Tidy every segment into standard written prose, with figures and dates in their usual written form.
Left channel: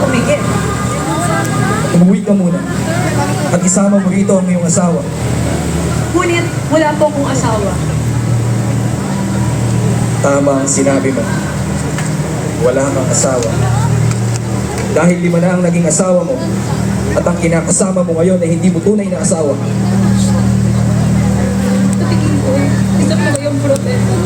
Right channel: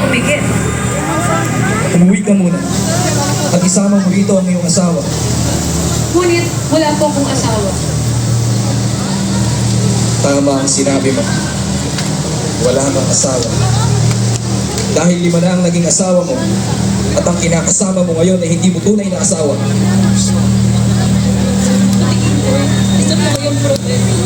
Umikit. Umuwi ka muna. At isama mo rito ang iyong asawa. Ngunit wala po akong asawa. Tama ang sinabi mo. Wala kang asawa. Dahil 5 na ang naging asawa mo, at ang kinakasama mo ngayon ay hindi mo tunay na asawa. Ito po yung problema.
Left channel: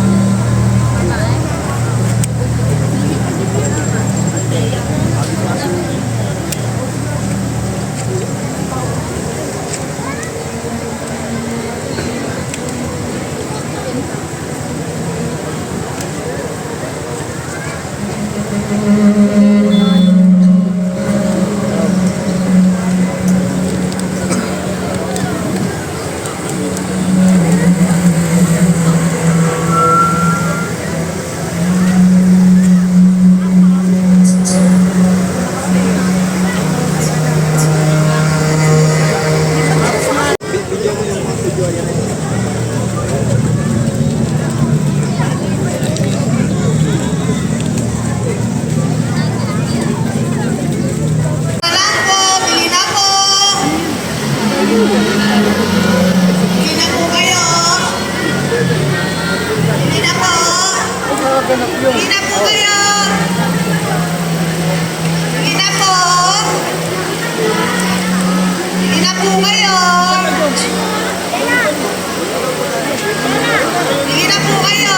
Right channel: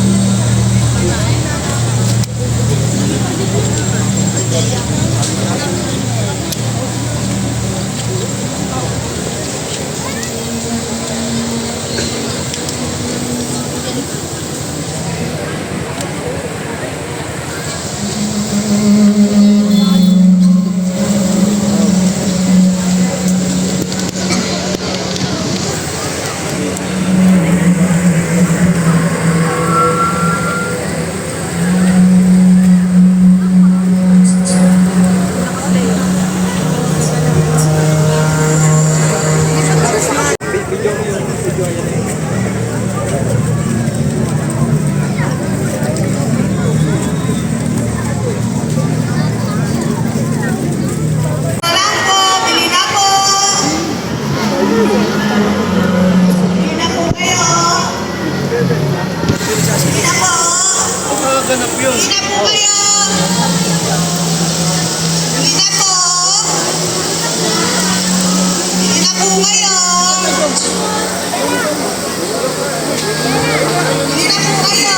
Ganap yun. Hindi na po kayo! Hindi na po! Hindi na po kayo! Hindi na po kayo!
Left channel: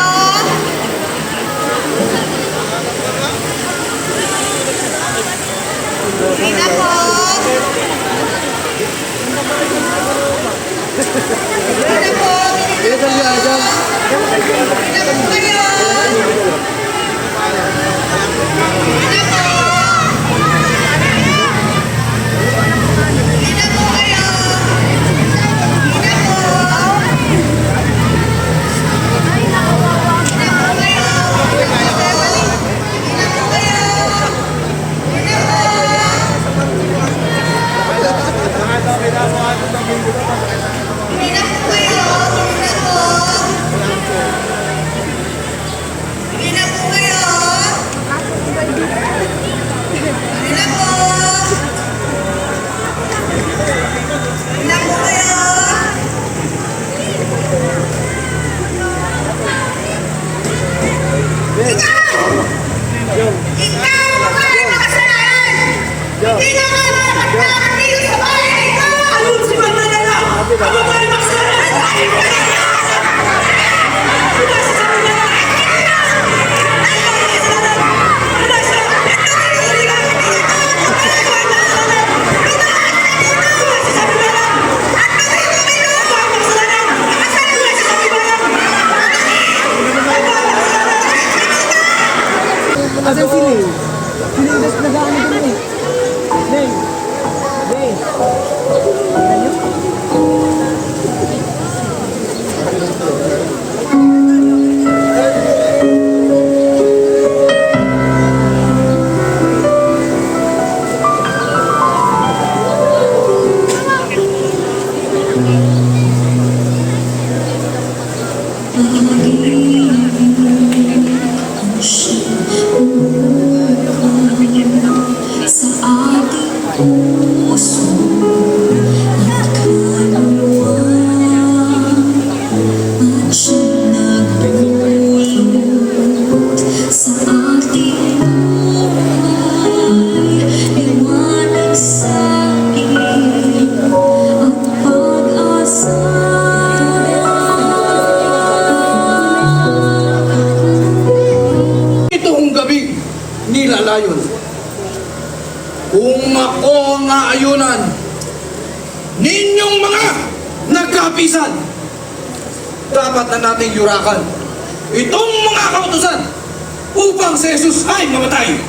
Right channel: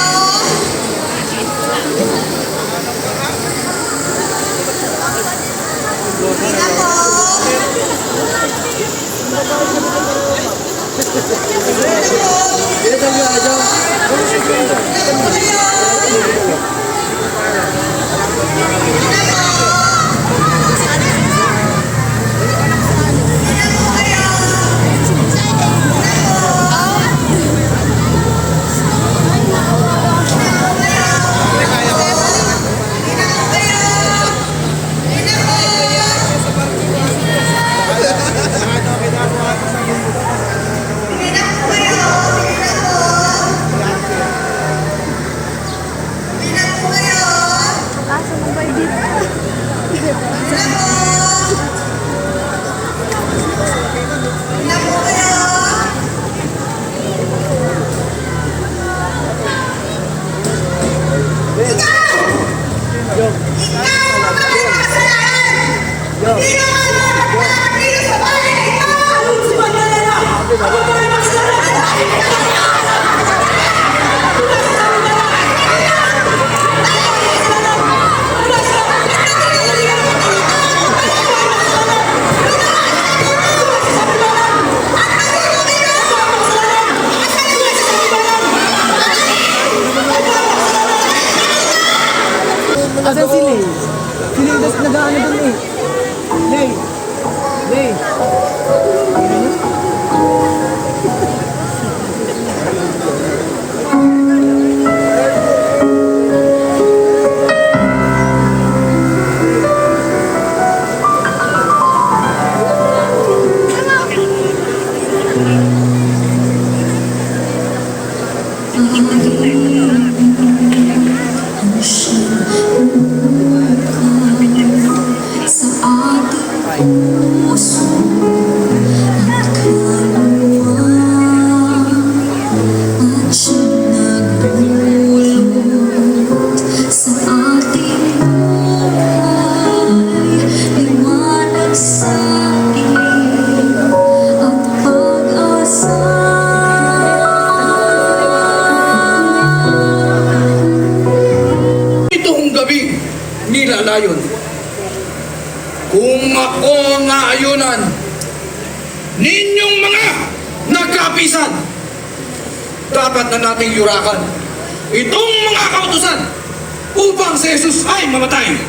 Hindi na po! Ito niya dyan. Asan si Lay? Si Lay, mas nag-ano dun eh. Lay. Lay. Nilalayon. Kung ako maayunan ninyong mga nagkapisan, dapat na nating yurakan itong mga kautusan upang si Jesus ay mamatay.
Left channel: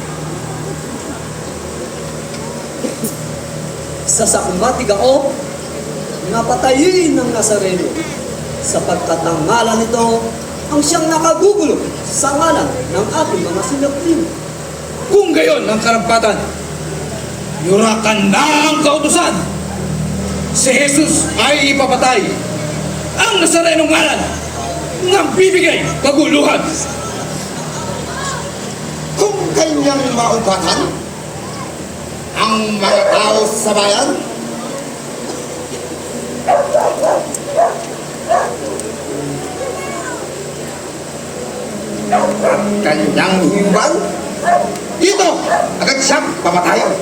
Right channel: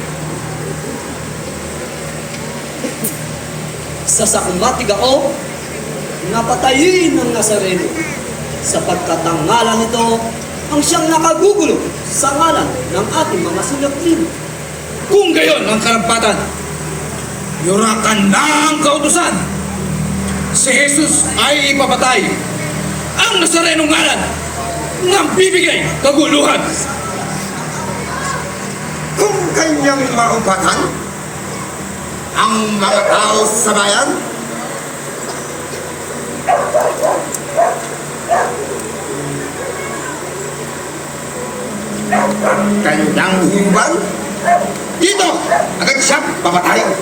Sasakumbatig ako na patayin ng Nazareno sapagkat ang ngalan nito ang siyang nakagugulo sa ngalan ng ating mga sulapin. Kung gayon ang karampatan, yurakan na ang kautusan. Si Jesus ay ipapatay. Ang Nazarenong ngalan ng bibigay kaguluhan. Kung kanyang maubatan, ang mga tao sa bayan? At kanyang hinuban? Dito! Agad siyang papatayan.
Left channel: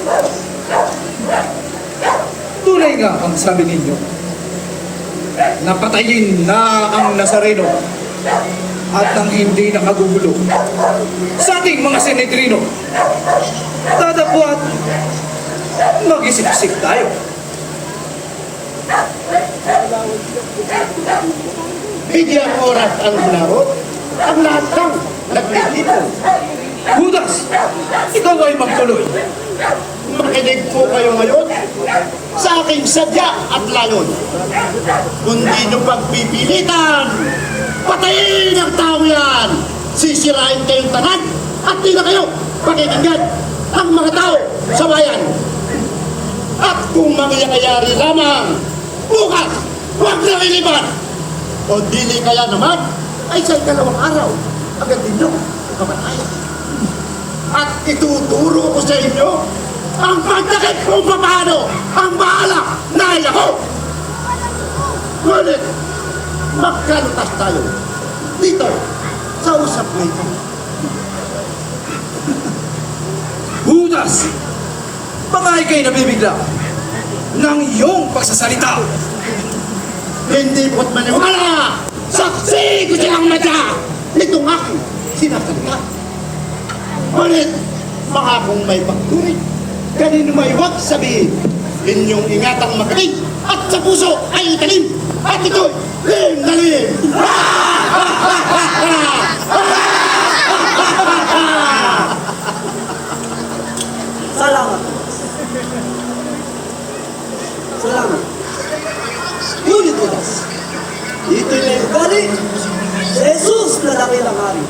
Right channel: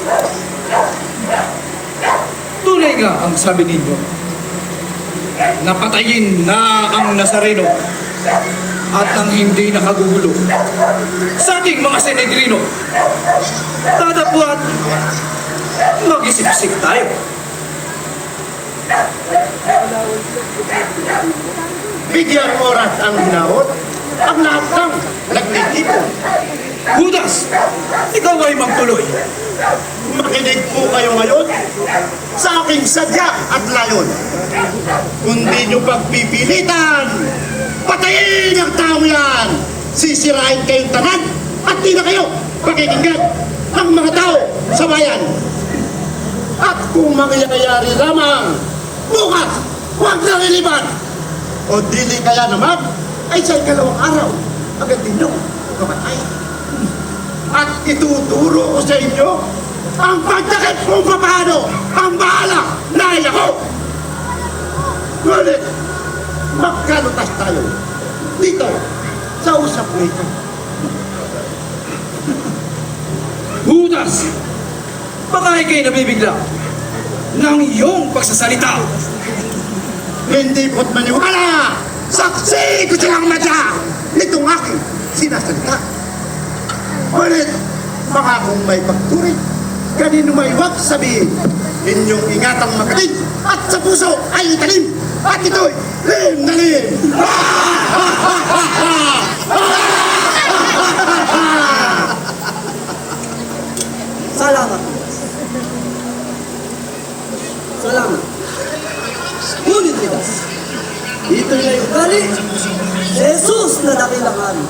Tunay nga ang sabi ninyo. Napatayin na ang Nazareno at ang hindi nakagugulo sa ating mga Senedrino. Tadapuan, mag-isip-isip tayo. Bigyan oras ang hinawot ang lahat ng nagtitipon. Judas, ikaw ay magtuloy. Makinig po kayo ngayon sa aking sadya at layon. Kundi nyo pagpipilitan, patayin ang tao yan. Sisirain kayong tanan at di na kayo pakikinggan ang mga tao sa bayan. At kung mangyayari lamang, bukas, huwag na liliban. O dili kaya naman, ay sa ikalawang araw, agad ninyo kamatayan. At ituturo ko sa inyo ang pagtakip kung paano ang bahala dahil ako. Ngunit, magkalutas tayo dito sa usap na ito. Judas, baka ikay nabibigla ng iyong pagsasalita. Hindi ko't maniwala! Saksi ko silang madya! Itong aking sinasalita. Ngunit, baka kung may pagturing, kanino may huwag sabihin, inyong ingatang magaling at sa puso ay italim at ito'y lim-nalim! Salamat. Salamat. Ngunit Judas, dito'y may ugali. Jesus na nakita namin.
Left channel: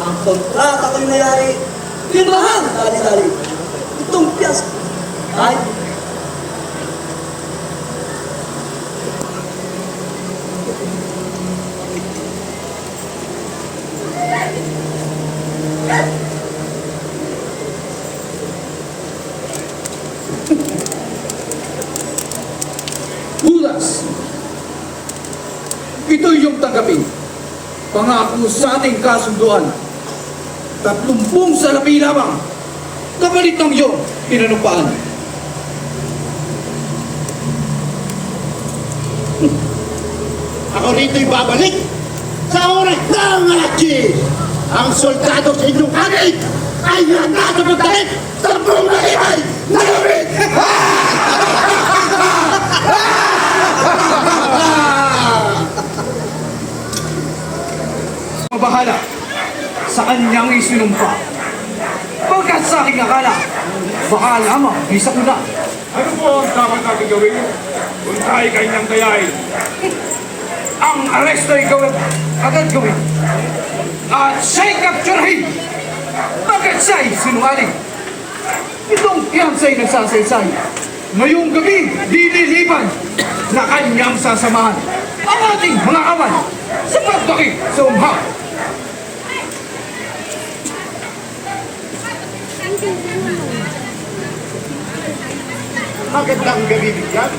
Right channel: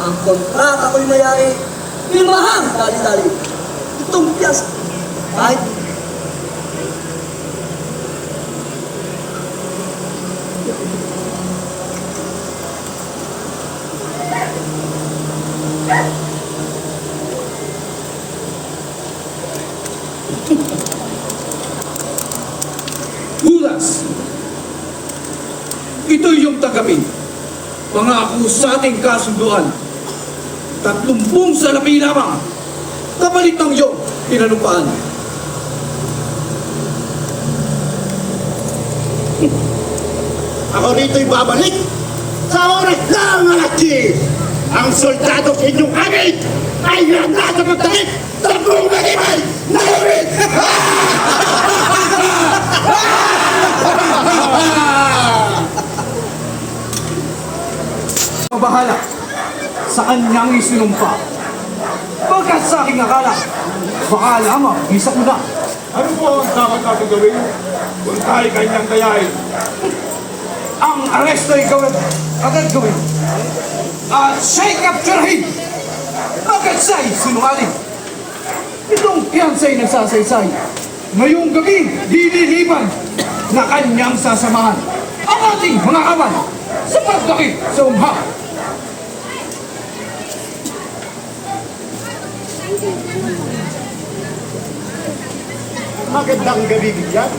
Ang kontrata ko'y nayari, limahang dali-dali. Itong piyasa, ay Judas, ito yung tanggapin. Pangako sa ating kasunduan. 30 salapi lamang. Kapalit ng iyong pinanupaan. Ako rito'y babalik sa oras ng achi. Ang soldado sa inyong kamig ay handa sa pagtakip sa buong malibay na gamit! Mabahala sa kanyang isinumpa. Pagkat sa aking akala, baka lamang isa ko na. Ano po ang dapat natin gawin kung tayo kanyang dayain? Ang aresto ay ikaw agad gawin. At siya'y kapturahin. Pagkat siya'y sinungaling. Itong fiancé nagsasaysay. Ngayong gabi, dililiban na kanyang sasamahan ang ating mga kawan sa pagdakip sa umhang. Magandang gabi bigyan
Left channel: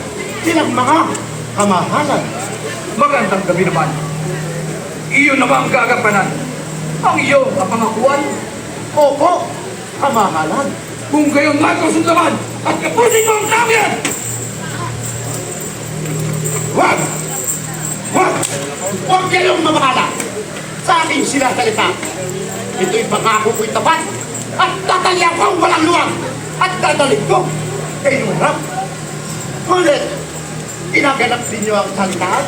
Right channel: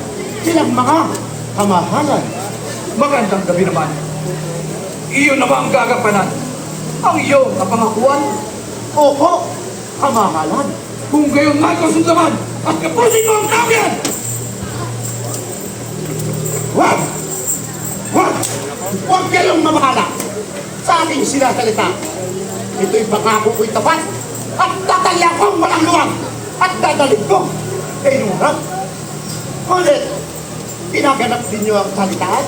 silang mga kamahalan. Magandang gabi naman. Iyon naman ang gagampanan. Ang iyong kapangakuan. Opo, kamahalan. Kung gayon nga kasundaman at kapusin mo ang tao yan! Huwag! Huwag! Huwag kayong mamahala sa aking sinasalita. Ito'y pangako ko'y tapat at tatalian kong walang luwag at dadalhin ko kay inyong harap. Ngunit, ginaganap ninyo ang salitaan.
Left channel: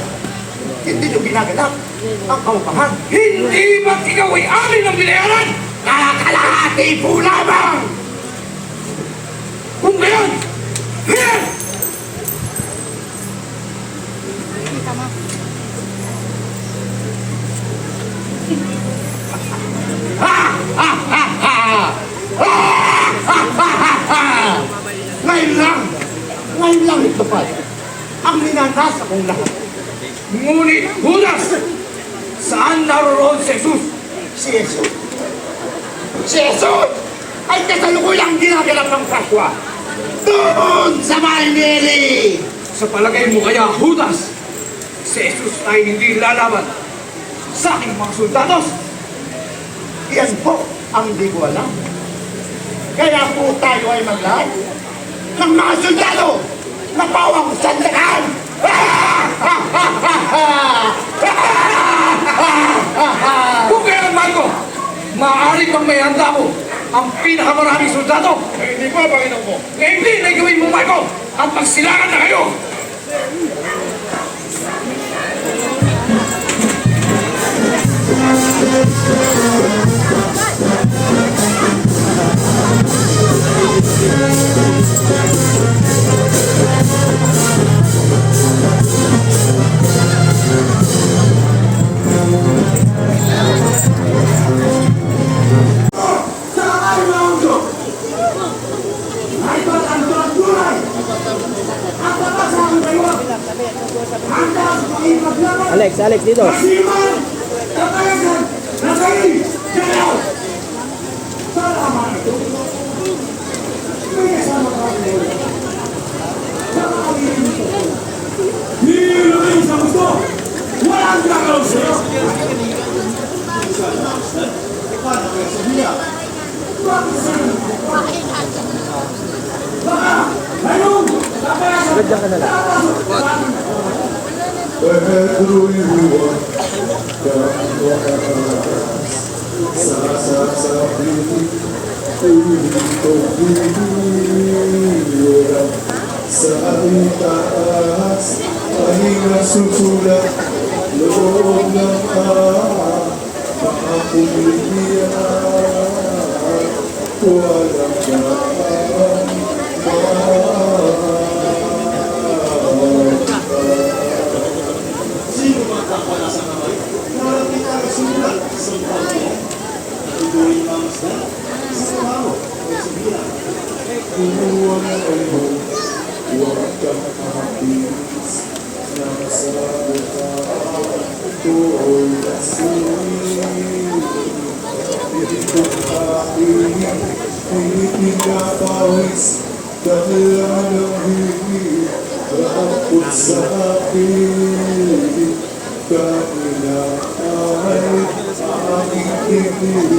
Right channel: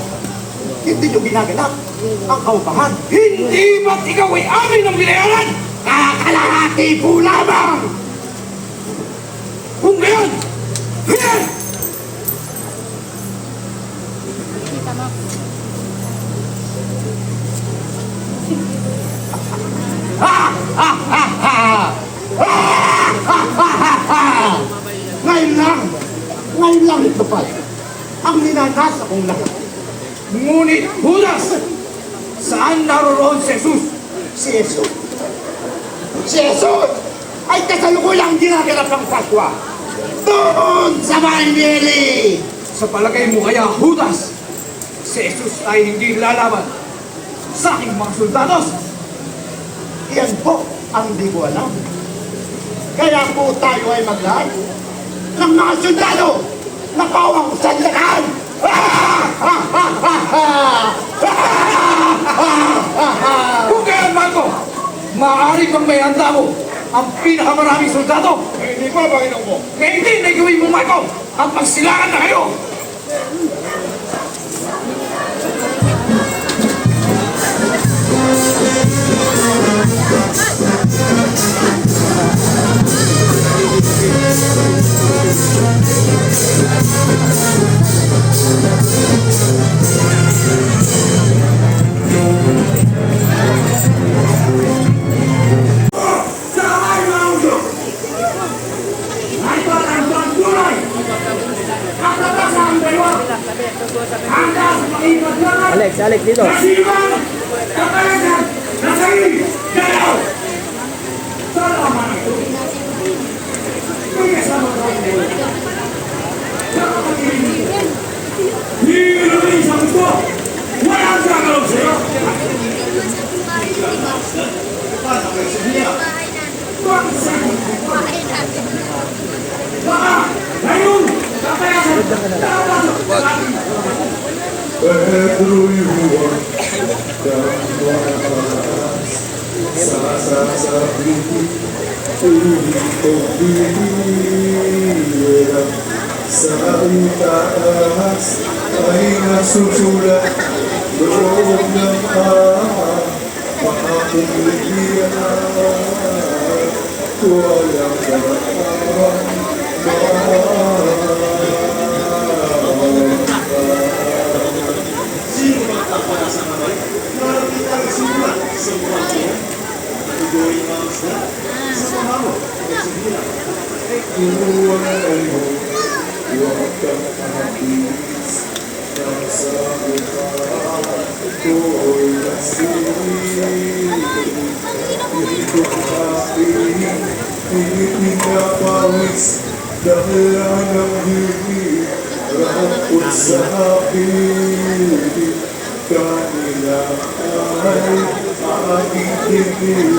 Hindi nyo ginaganap ang kaupahan. Hindi ba't ikaw ay amin ang binayaran? Kakalahati po lamang! Kung gayon, yan! Ngayon lang ito pa. Ang minanasa kong lahat. Ngunit, Judas, saan naroon si Jesus? Si Jesus. Si Jesus ay kasalukuyang ginaganap ng Paswa. doon sa Maynili. Sa palagay mo kaya, Judas, si Jesus ay hindi lalaban sa aking mga soldados? Yan po ang di ko alam. Kaya po tayo ay maglahay ng mga sundalo na pawang sandakan. Kung kailan man ko, maaari pang may handa mo ang pinakamaraming soldado. Hindi pa, Panginoon ko. Kaya hindi na gawin mo, Marco, at magsilangan na kayo. Alex, dito. Pedro'y huwag kang tumakas sa sasabihin kung bibira sa itaas ay nasusulat loob ng makakulihan walang kaawang Inuwan mo, huwag kang hapis ng sa mukha ko'y nasili. Ito aking init na pawis dahil ng himig rapot sa akin. Kanina ay aking tinig.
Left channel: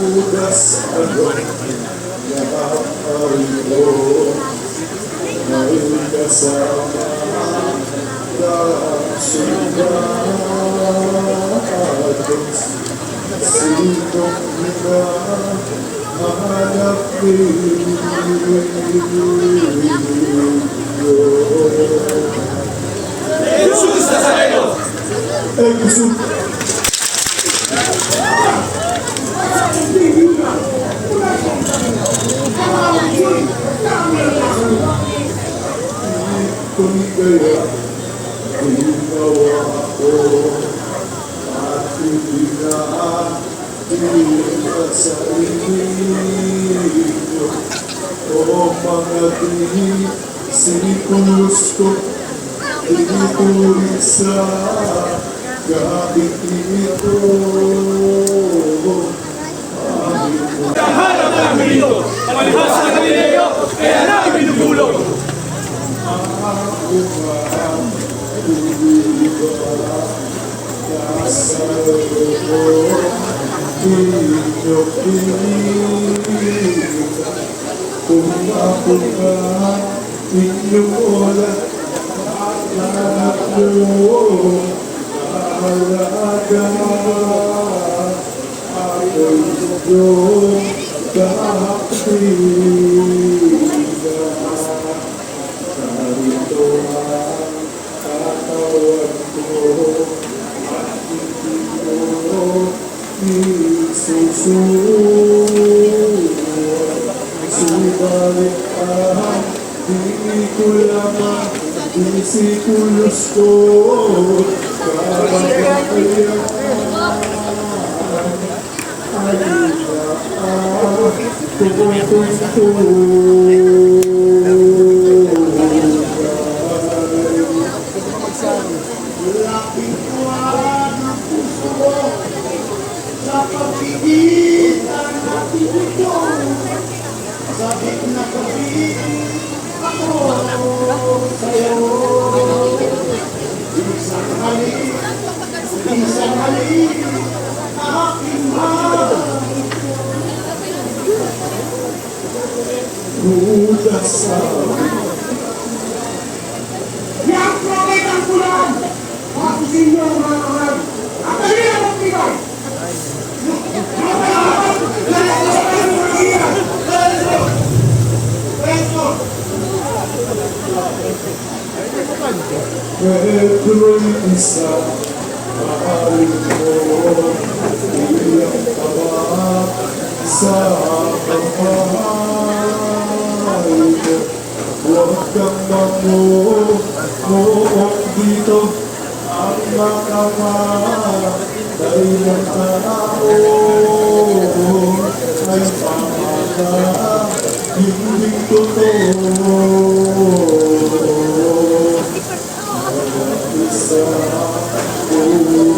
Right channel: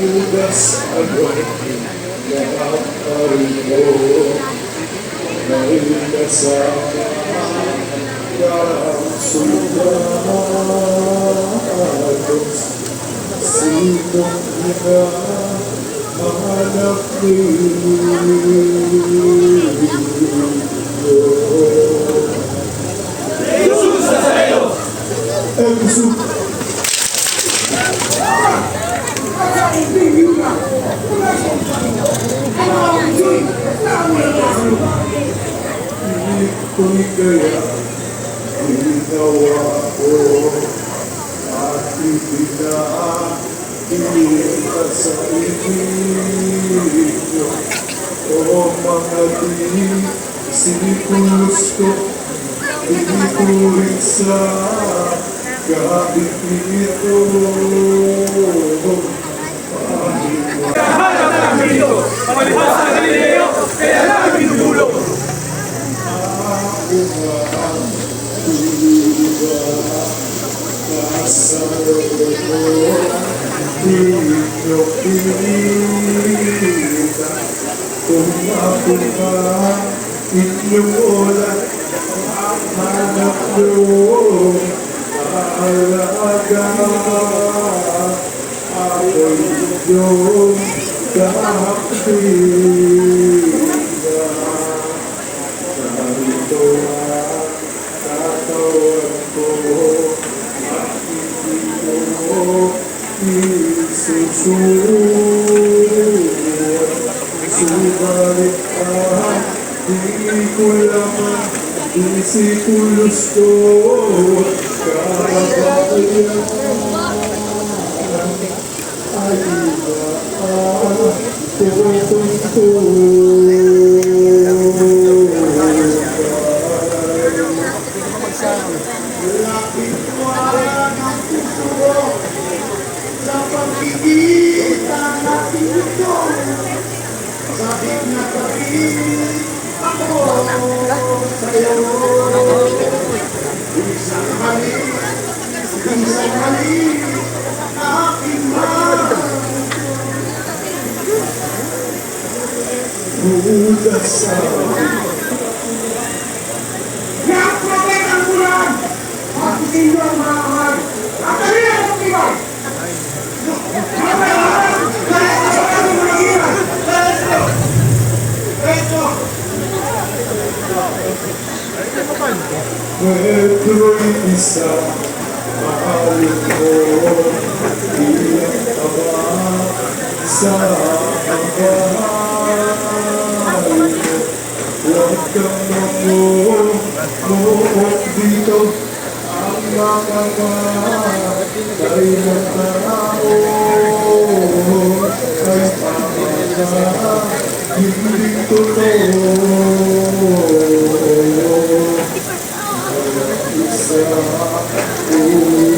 Ugas ako lahat parin mo dahil kasama kang soldados sinong na mahanap Jesus Nazareno! Jesus! Kung kaya ginawa ko at ibinahilikat sa ibig ko o mga sinikulos ko inipulit sa gabi ito. Kung ako ka, inyong ulat, hanap doon, alaga, ako'y inyong kaaktiba. Narito ang katawan ko, at hindi ko isusunod. Subalit di ko laman, di si kulos ko, kapag ako Pedro'y isa, mahal ko, iyak pa ba sa kamahal ko? Huwag kang mamuot dito, ang mga matay ng panahon ay pamana, hindi totoo. Isa ulo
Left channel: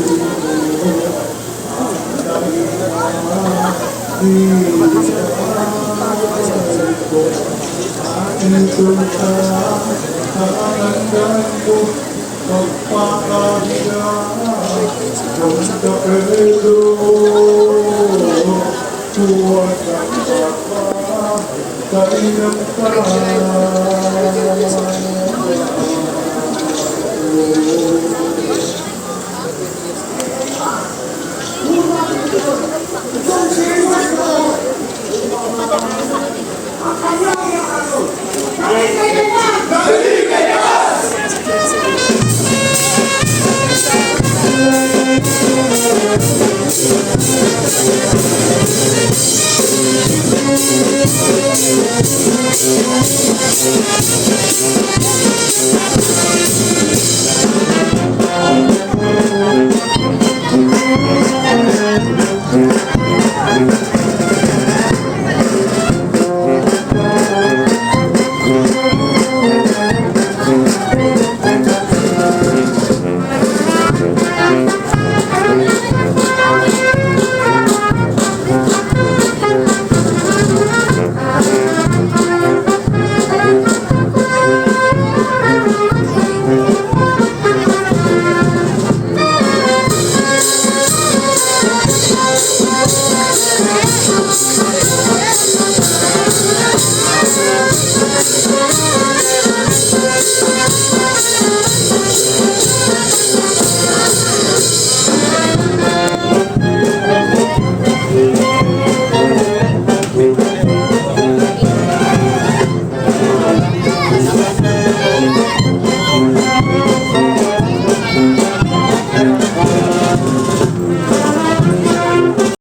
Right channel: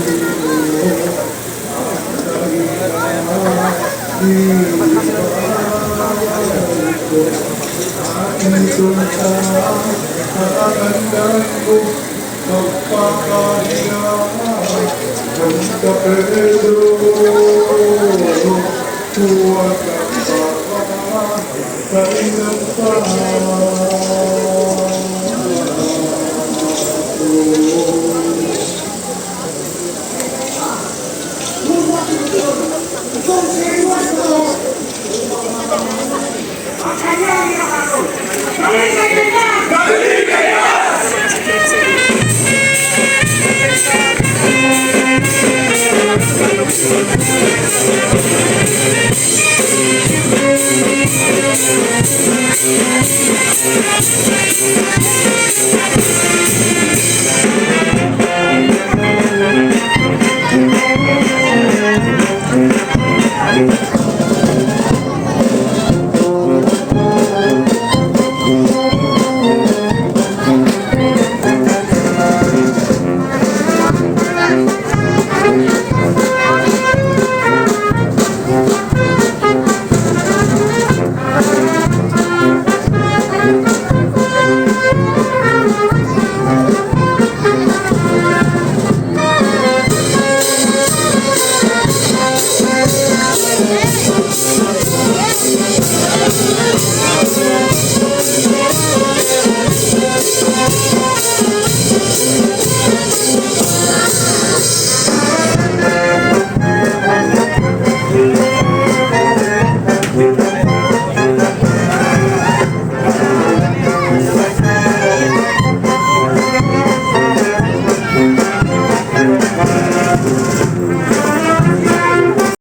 ang naging ko aking tulta nakakandaan ko magpapakasya kung ka Pedro huwag kang papa kainang tayo